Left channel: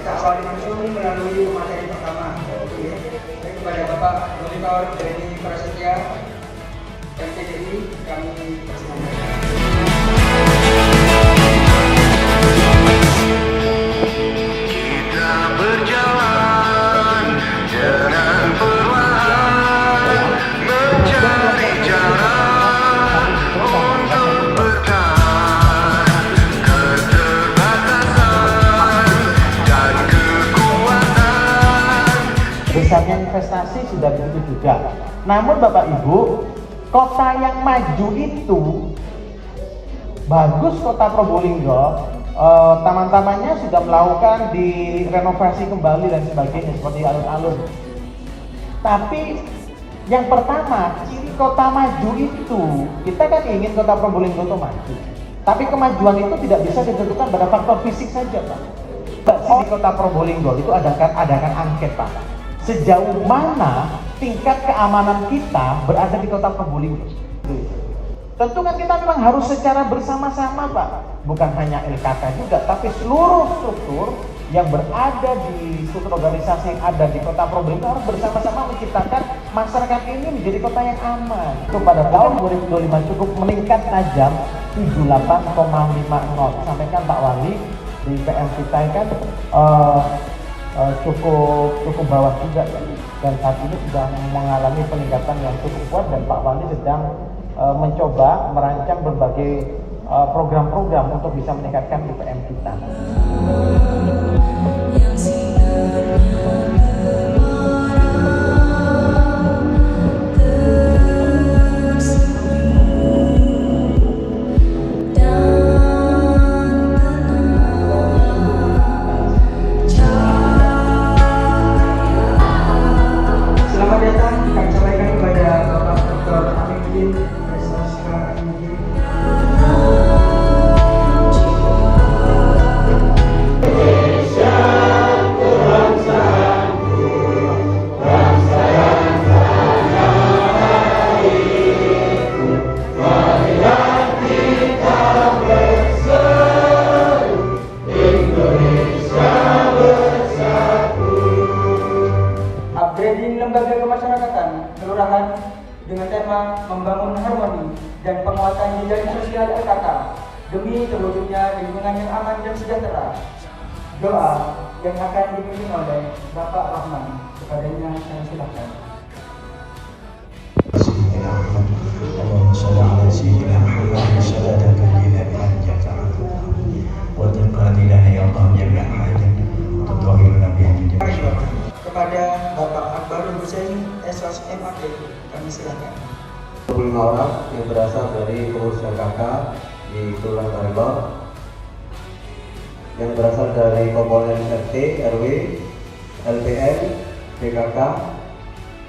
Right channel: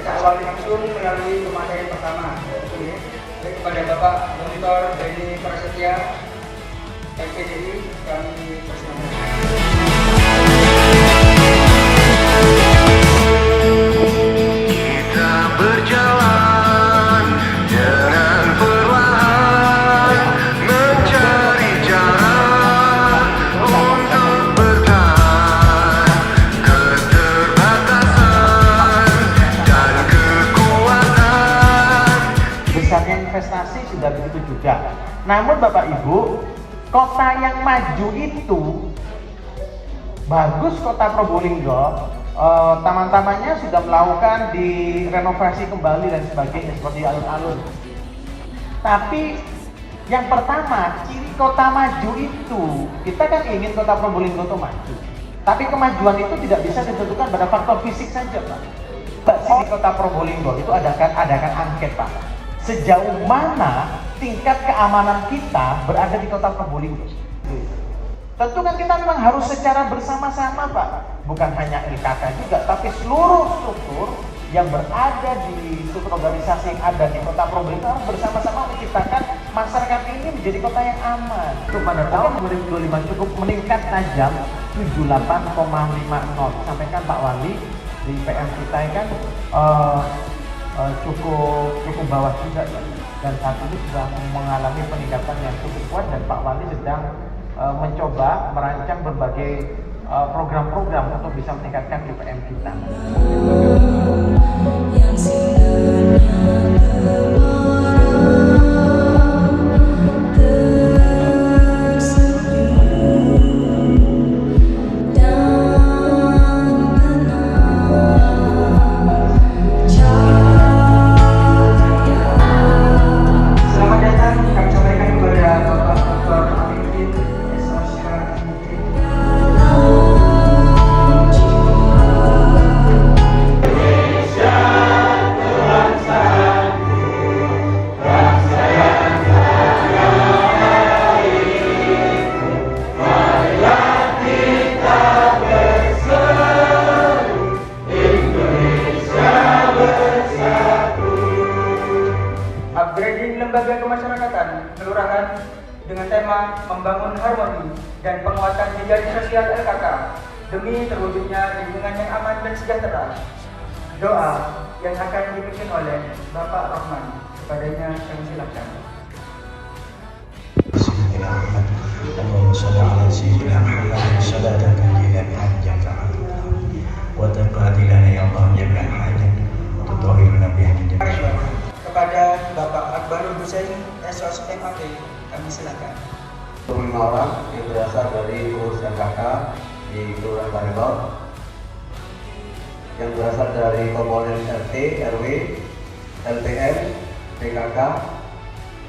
Kita awali langsung melalui materi pertama. Baik kepada Bapak Monitor Beni Prasetya, PDI, kami persilakan. Kita berjalan dengan perlahan, mencari cara untuk bertahan keterbatasan dan kekuatan. Besarnya investasi sudah begitu juga. Namun Bapak Ibu, kota yang maju itu bagus, kota Probolinggo. Taman-tamannya sudah melakukan direnovasi kembali dan sebagainya seperti alun-alun. Tapi yang pertama, ciri kota maju itu, kita kan ingin kota Probolinggo itu maju. Tapi kemajuan itu tidak bisa ditentukan pada faktor fisik saja. Di kota Probolinggo itu adakan angket, Pak. Sejauh mana tingkat keamanan kita berada di kota Probolinggo? Tentu kan kita memang harus secara bersama-sama, Pak. Bukan hanya LKK juga, tapi seluruh struktur yang berada di struktur organisasi yang ada di kota Probolinggo bersama-sama menciptakan masyarakat ini menjadi kota yang aman. Itu pada tahun 2025 cukup meningkat tajam 78,50. Sampaikan Pak Wali di PM kita kan cukup bawah juga ya. Dan saat ini sudah mengalami peningkatan yang cukup kuat dan Pak Wali sedang mencoba merancang berbagai program-program untuk bisa meningkatkan IPM kita. Yang sinarnya tersenyum dan Selamat datang, kami sampaikan kepada Bapak Dr. Amin SSK Indri. Upgrading lembaga kemasyarakatan kelurahan dengan tema membangun harmoni dan penguatan jejaring sosial LKK demi terwujudnya lingkungan yang aman dan sejahtera. Doa yang akan dipimpin oleh Bapak Rahman. Kepadanya kami silakan. اللهم صل على سيدنا محمد صلاة تنجينا بها الجزاء وتقضى لنا يا الله جميع حاجات وتطهرنا بها من جميع. Kepada Bapak Akbarul Hussein SOSMAT, kami silakan. 25 orang yang berasal dari pengurus LKK di Kelurahan Karilor, yang berasal dari komponen RT, RW, LPM, PKK,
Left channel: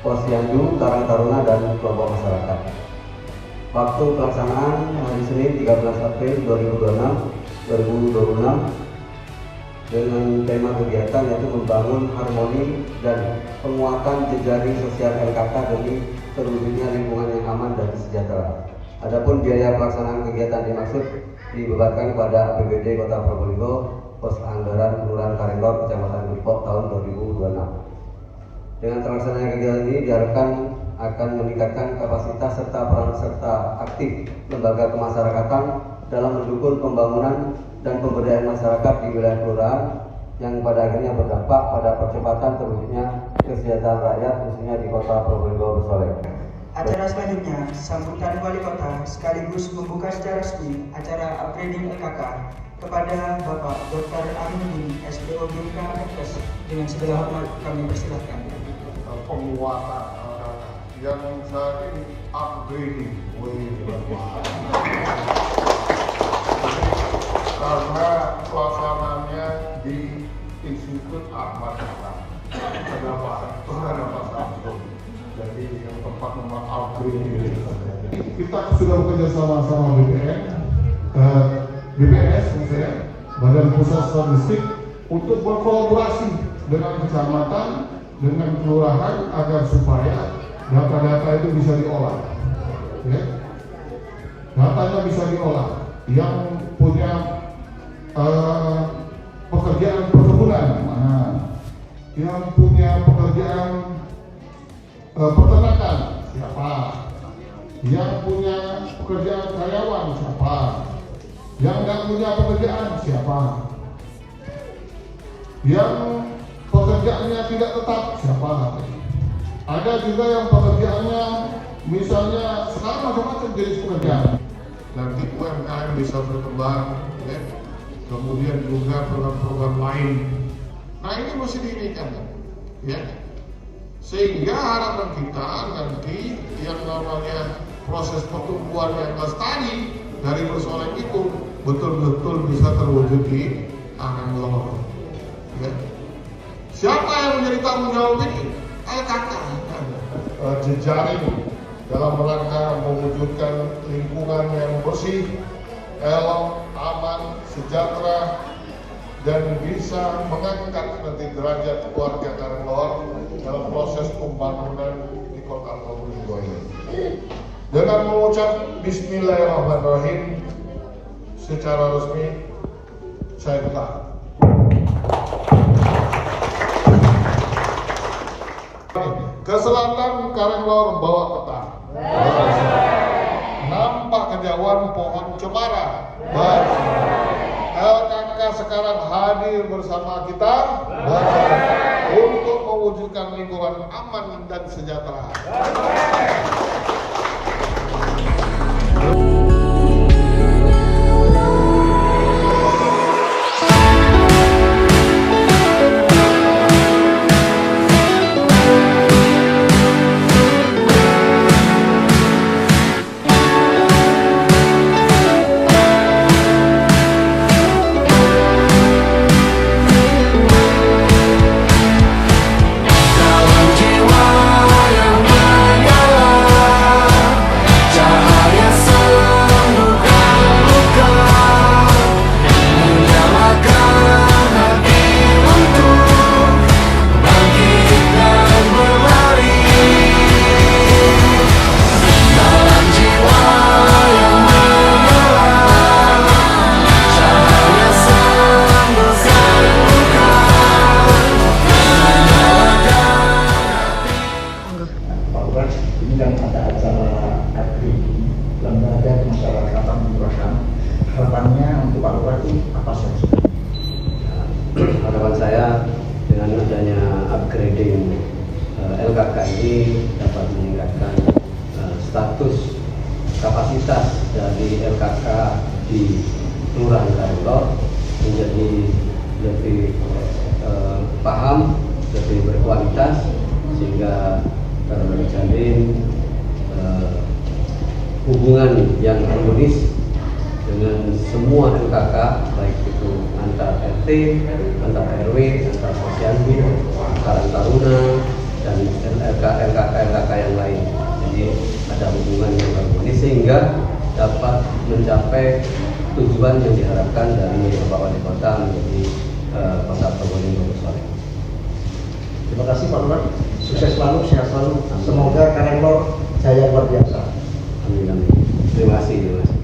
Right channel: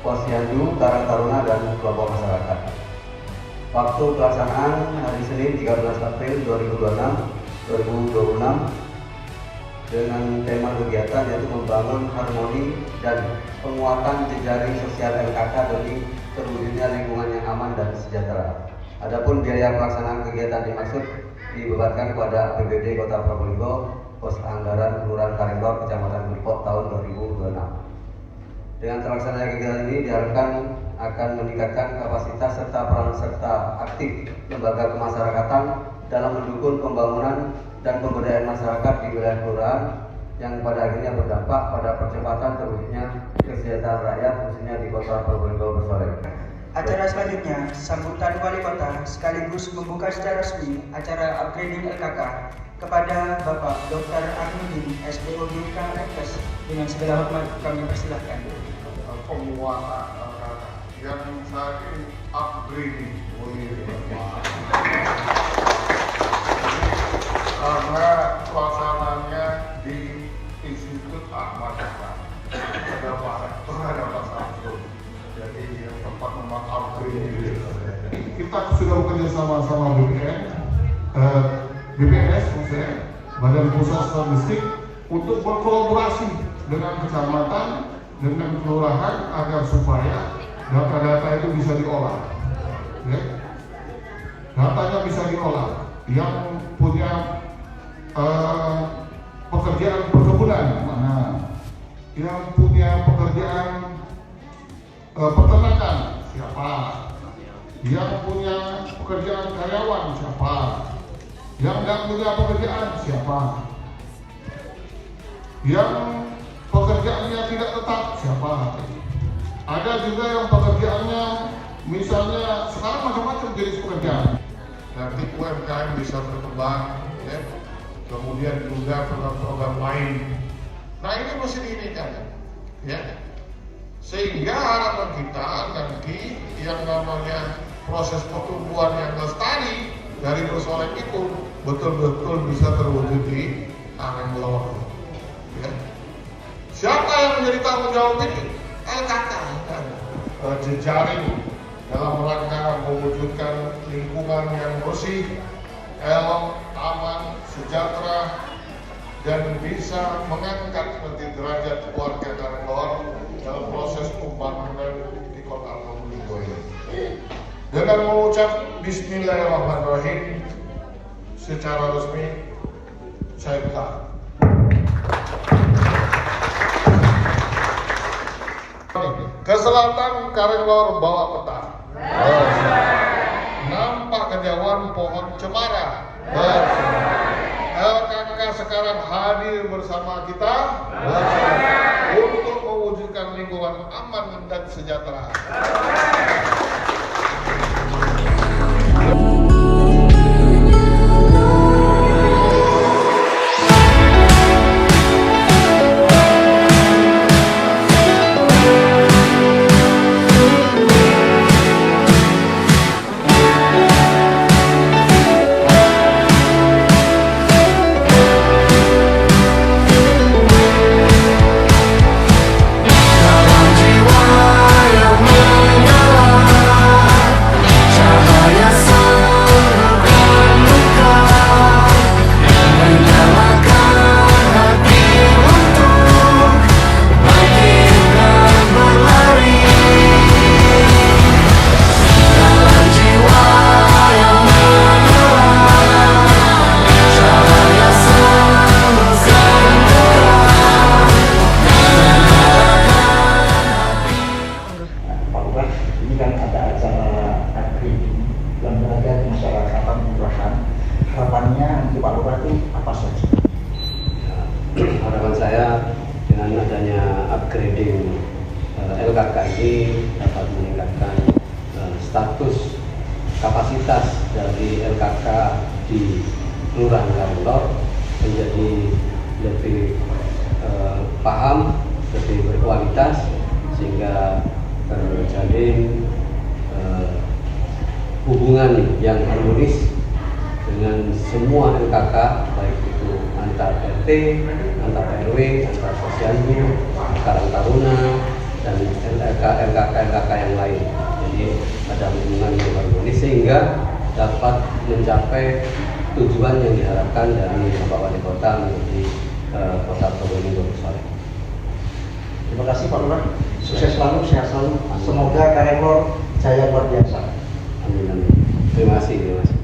Posyandu, Karang Taruna, dan kelompok masyarakat. Waktu pelaksanaan hari Senin 13 April 2026 dengan tema kegiatan yaitu membangun harmoni dan penguatan jejaring sosial LKK demi terwujudnya lingkungan yang aman dan sejahtera. Adapun biaya pelaksanaan kegiatan dimaksud dibebankan kepada APBD Kota Probolinggo, Pos Anggaran Kelurahan Karilor, Kecamatan Depok tahun 2026. Dengan terlaksananya kegiatan ini diharapkan akan meningkatkan kapasitas serta peran serta aktif lembaga kemasyarakatan dalam mendukung pembangunan dan pemberdayaan masyarakat di wilayah kelurahan yang pada akhirnya berdampak pada percepatan terwujudnya kesejahteraan rakyat khususnya di Kota Probolinggo Bersolek. Acara selanjutnya, sambutan Wali Kota sekaligus membuka secara resmi acara upgrading LKK kepada Bapak Dr. Aminuddin, SPOD KMFS. Dengan segala hormat kami persilahkan. Penguatan yang saat ini upgrading karena pelaksananya di Institut Ahmad Yani ada Pak Rektor, ada Pak Samsul, jadi yang tempat memang upgrading. Kita sudah bekerja sama BPS, maksudnya Badan Pusat Statistik, untuk berkolaborasi dengan kecamatan, dengan kelurahan agar supaya data-data itu bisa diolah. Ya. Datanya bisa diolah. Yang punya pekerjaan perkebunan, yang punya pekerjaan peternakan siapa, yang punya pekerjaan karyawan siapa, yang nggak punya pekerjaan siapa, yang pekerjaannya tidak tetap siapa. Ada juga yang pekerjaannya misalnya sekarang macam-macam jenis pekerjaan. Nanti UMKM bisa berkembang, ya. Kemudian juga program-program lain. Nah ini mesti diinikan, ya. Sehingga harapan kita nanti yang namanya proses pertumbuhan yang lestari dari persoalan itu betul-betul bisa terwujud di Anambolo. Ya. Siapa yang menjadi tanggung jawab ini? LKK. Jejaring dalam rangka mewujudkan lingkungan yang bersih, elok, aman, sejahtera, dan bisa mengangkat nanti derajat keluarga Karangor dalam proses pembangunan di Kota Probolinggo ini. Dengan mengucap Bismillahirrahmanirrahim secara resmi, saya buka. Ke selatan Karangor bawa peta. Nampak kejauhan pohon cemara. LKK sekarang hadir bersama kita untuk mewujudkan lingkungan aman dan sejahtera. Harapannya untuk Pak Lurah itu apa saja? Harapan saya dengan adanya upgrading LKK ini dapat meningkatkan status kapasitas dari LKK di Kelurahan Karangor menjadi lebih paham, lebih berkualitas, sehingga terjalin hubungan yang harmonis dengan semua LKK, baik itu antar RT, antar RW, antar posyandu, Karang Taruna, dan LKK yang lain. Jadi ada hubungan yang harmonis sehingga dapat mencapai tujuan yang diharapkan dari Bapak Wali Kota menjadi Kota Probolinggo Soleh. Terima kasih Pak Lurah, sukses selalu, sehat selalu. Semoga Karangor jaya luar biasa. Amin, amin. Terima kasih, terima kasih.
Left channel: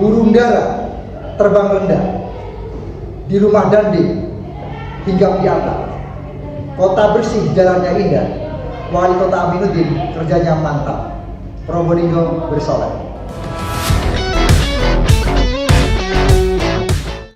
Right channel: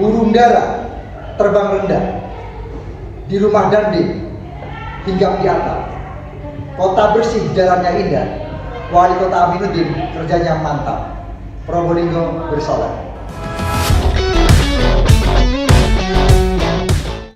Burung dara terbang rendah di rumah Dandi hingga di atap. Kota bersih, jalannya indah. Wali Kota Aminuddin kerjanya mantap. Probolinggo bersoleh.